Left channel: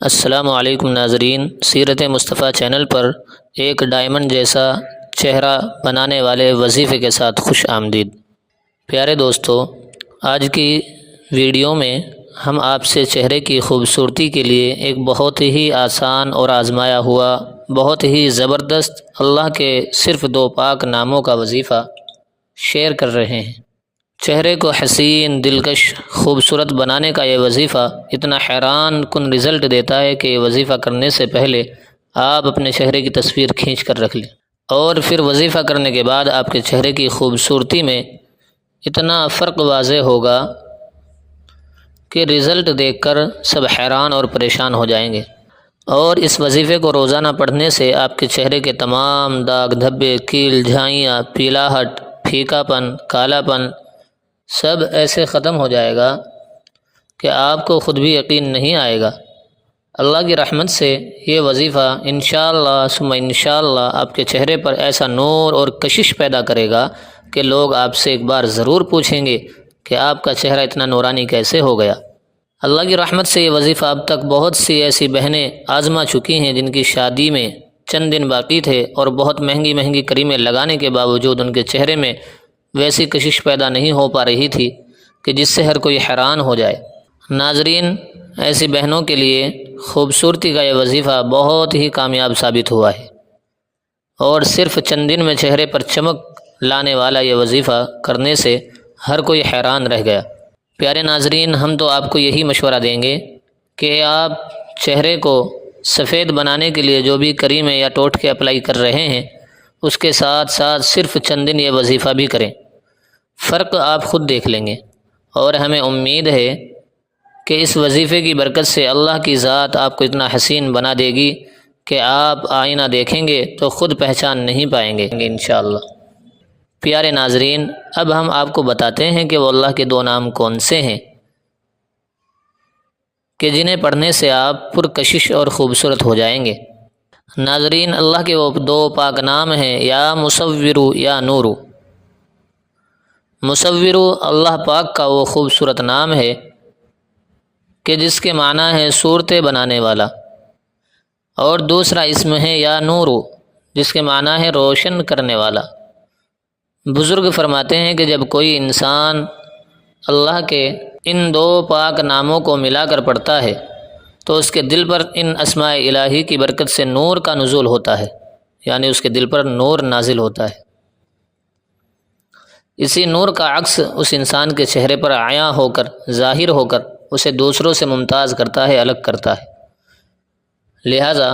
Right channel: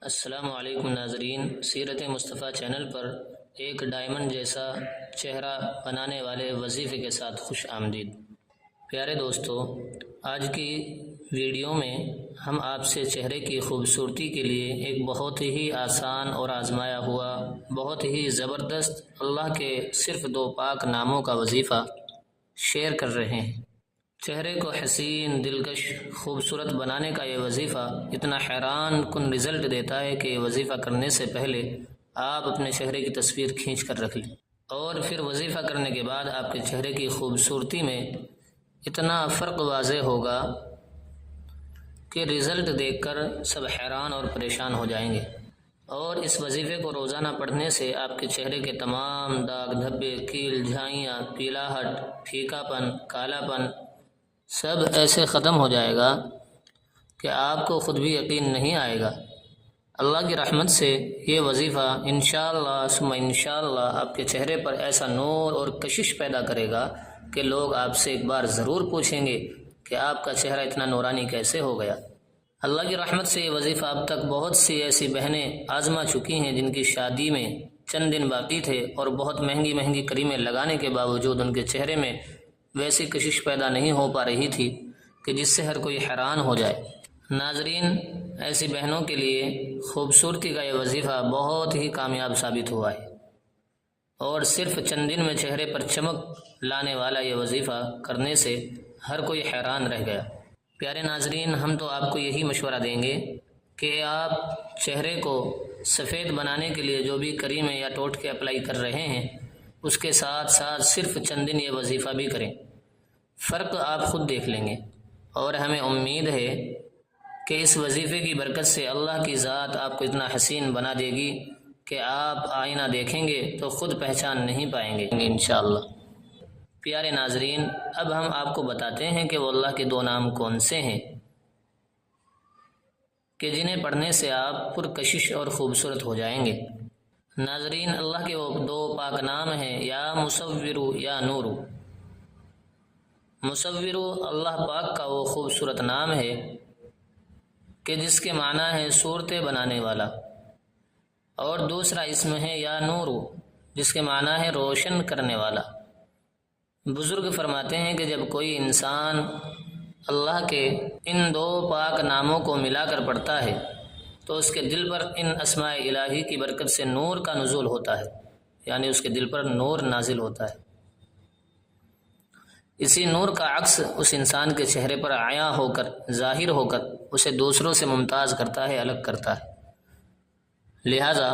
السلام علیکم ناظرین، سیرت مصطفیٰ چینل پر ایک ڈائمنڈ جیسا چہرہ بنانے والے وظیفے کے ساتھ خوش آمدید۔ پیارے دوستو، آج کی ویڈیو میں ہم آپ سے چہرے کی خوبصورتی کے لیے ایک بہت ہی آسان اور آزمایا ہوا، بہت ہی زبردست اللہ کے صرف 2 پاک ناموں کا وظیفہ شیئر کر رہے ہیں۔ چہرے کو حسین، دلکش، خوبصورت بنانے کا یہ وظیفہ اتنا حیران کن رزلٹ دیتا ہے کہ یہ وظیفہ کرنے سے پہلے آپ اپنے چہرے کی تصویر کھینچ کر رکھ لیں، اور پھر وظیفہ کرنے کے بعد آپ کے چہرے کی خوبصورتی میں اتنا فرق واضح ہوگا کہ رزلٹ دیکھ کر سب حیران اور پریشان ہو جائیں گے۔ اور اس وظیفے کو روزانہ پڑھنے سے آپ کے چہرے کے تمام داغ دھبے، کیل، جھائیاں، پیلاہٹ، پھیکا پن، کالا پن سب ایسے ختم ہو جائے گا کہ آپ کو خود بھی یقین نہیں آئے گا۔ اللہ کی رحمت سے یہ وظیفہ انشاءاللہ ثم انشاءاللہ آپ کے چہرے پر ایسا نور اور کشش پیدا کرے گا کہ لوگ آپ سے ایک بار ضرور پوچھیں گے کہ آپ کا چہرہ اتنا نورانی کیسے ہو گیا۔ اللہ کی رحمت سے یہ وظیفہ اب تک بہت سی ایسی بہنیں آزما چکی ہیں جن کی شادی میں چند دن باقی تھے اور بہت مہنگی مہنگی کریمیں لگانے کے باوجود ان کے چہرے میں ویسی کشش پیدا نہیں ہو پا رہی تھی کہ جس سے ہر کوئی حیران ہو جائے۔ ناظرین، ایسی بہنوں کے لیے خوبصورتی کا یہ وظیفہ بہت ہی کامیاب ثابت ہوا ہے، اور صرف چند دن میں چہرے پر چمک لانے والا یہ وظیفہ کرنے سے ہر کوئی حیران رہ گیا۔ پیارے ناظرین، ہم تو آپ کو یہی مشورہ دیں گے کہ آپ چہرے کو سفید بنانے کے لیے جو بھی کریمیں یا ٹوٹکے اپلائی کر رہے ہیں اس کے ساتھ ساتھ صرف چند دن یہ وظیفہ بھی کریں، فرق آپ خود دیکھ لیں گے، اور ہمیں امید ہے کہ اس وظیفے کی برکت سے اللہ کی ذات آپ کو اتنا حسین بنا دے گی کہ آپ آئینہ دیکھیں گے تو خود پہچان نہیں پائیں گے انشاءاللہ۔ پیارے ناظرین، اب ہم آپ کو بتاتے ہیں کہ وہ اللہ کے 2 نام کون سے ہیں کہ جنہیں پڑھنے سے آپ پرکشش اور خوبصورت ہو جائیں گے۔ ناظرین، اللہ کے وہ 2 پاک نام ہیں، یا مصورو یا نورو۔ مصورو اللہ پاک کا وہ خوبصورت نام ہے کہ جس کے معنی ہے صورتیں بنانے والا، اور دوسرا اسم ہے یا نورو جس کے معنی ہے روشن کرنے والا۔ بزرگ فرماتے ہیں کہ جب کوئی انسان اللہ کے ان 2 پاک ناموں کو ملا کر پڑھتا ہے تو اس کے دل پر ان اسماء الہی کی برکت سے نور کا نزول ہوتا ہے، یعنی اس کے دل پر نور نازل ہوتا ہے۔ اسی نور کا عکس اس انسان کے چہرے پر عیاں ہو کر، ظاہر ہو کر اسے دوسروں سے ممتاز کرتا ہے، الگ کرتا ہے۔ لہٰذا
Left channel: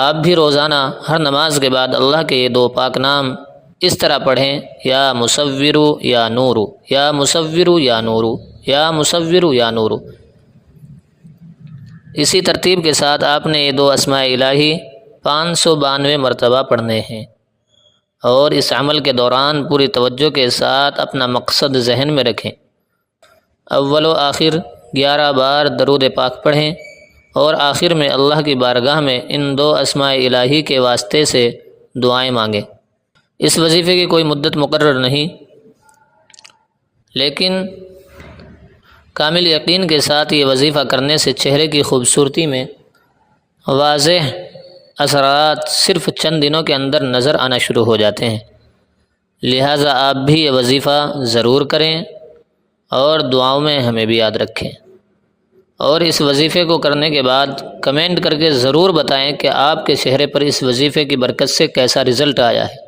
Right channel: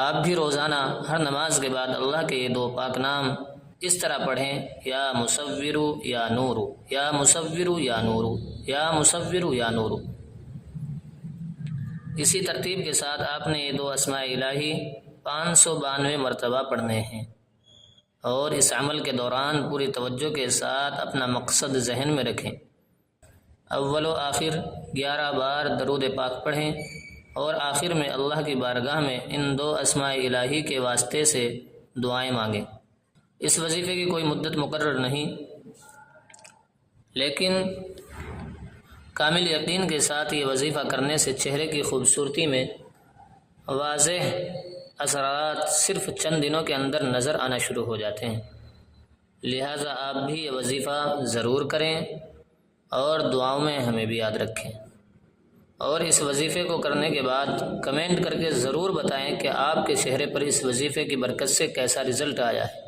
آپ بھی روزانہ ہر نماز کے بعد اللہ کے یہ 2 پاک نام اس طرح پڑھیں، یا مصورو یا نورو، یا مصورو یا نورو، یا مصورو یا نورو۔ اسی ترتیب کے ساتھ آپ نے یہ 2 اسماء الہی 592 مرتبہ پڑھنے ہیں، اور اس عمل کے دوران پوری توجہ کے ساتھ اپنا مقصد ذہن میں رکھیں۔ اول و آخر 11 بار درود پاک پڑھیں، اور آخر میں اللہ کی بارگاہ میں ان 2 اسماء الہی کے واسطے سے دعائیں مانگیں۔ اس وظیفے کی کوئی مدت مقرر نہیں، لیکن کامل یقین کے ساتھ یہ وظیفہ کرنے سے چہرے کی خوبصورتی میں واضح اثرات صرف چند دنوں کے اندر نظر آنا شروع ہو جاتے ہیں۔ لہٰذا آپ بھی یہ وظیفہ ضرور کریں، اور دعاؤں میں ہمیں بھی یاد رکھیں، اور اس وظیفے کو کرنے کے بعد کمنٹ کر کے ضرور بتائیں کہ آپ کے چہرے پر اس وظیفے کی برکت سے کیسا رزلٹ آیا ہے۔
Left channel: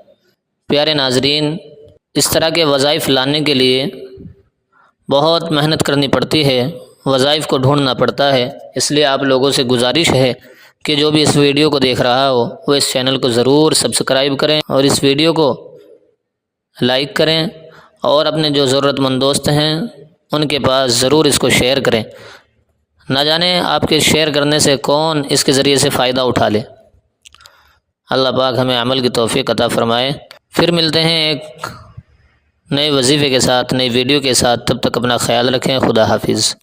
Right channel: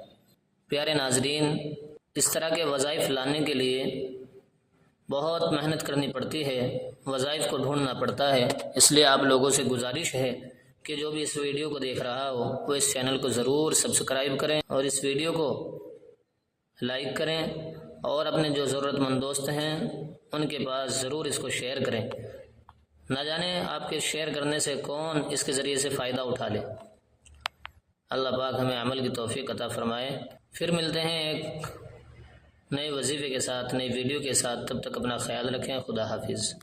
پیارے ناظرین، اس طرح کے وظائف لانے کے لیے بہت محنت کرنی پڑتی ہے، وظائف کو ڈھونڈنا پڑتا ہے، اس لیے آپ لوگوں سے گزارش ہے کہ جو بھی اس ویڈیو کو دیکھ رہا ہو وہ اس چینل کو ضرور سبسکرائب کریں، اور اس ویڈیو کو لائک کریں، اور اپنے جو ضرورت مند دوست ہیں ان کے پاس ضرور اس کو شیئر کریں۔ نہ جانے آپ کے شیئر کرنے سے کون اس کے ذریعے سے فائدہ اٹھا لے۔ اللہ پاک ہمیں عمل کی توفیق عطا فرمائے۔ پھر ملتے ہیں ایک نئے وظیفے کے ساتھ، نئی ویڈیو کے ساتھ، تب تک اپنا خیال رکھیں۔ خدا حافظ۔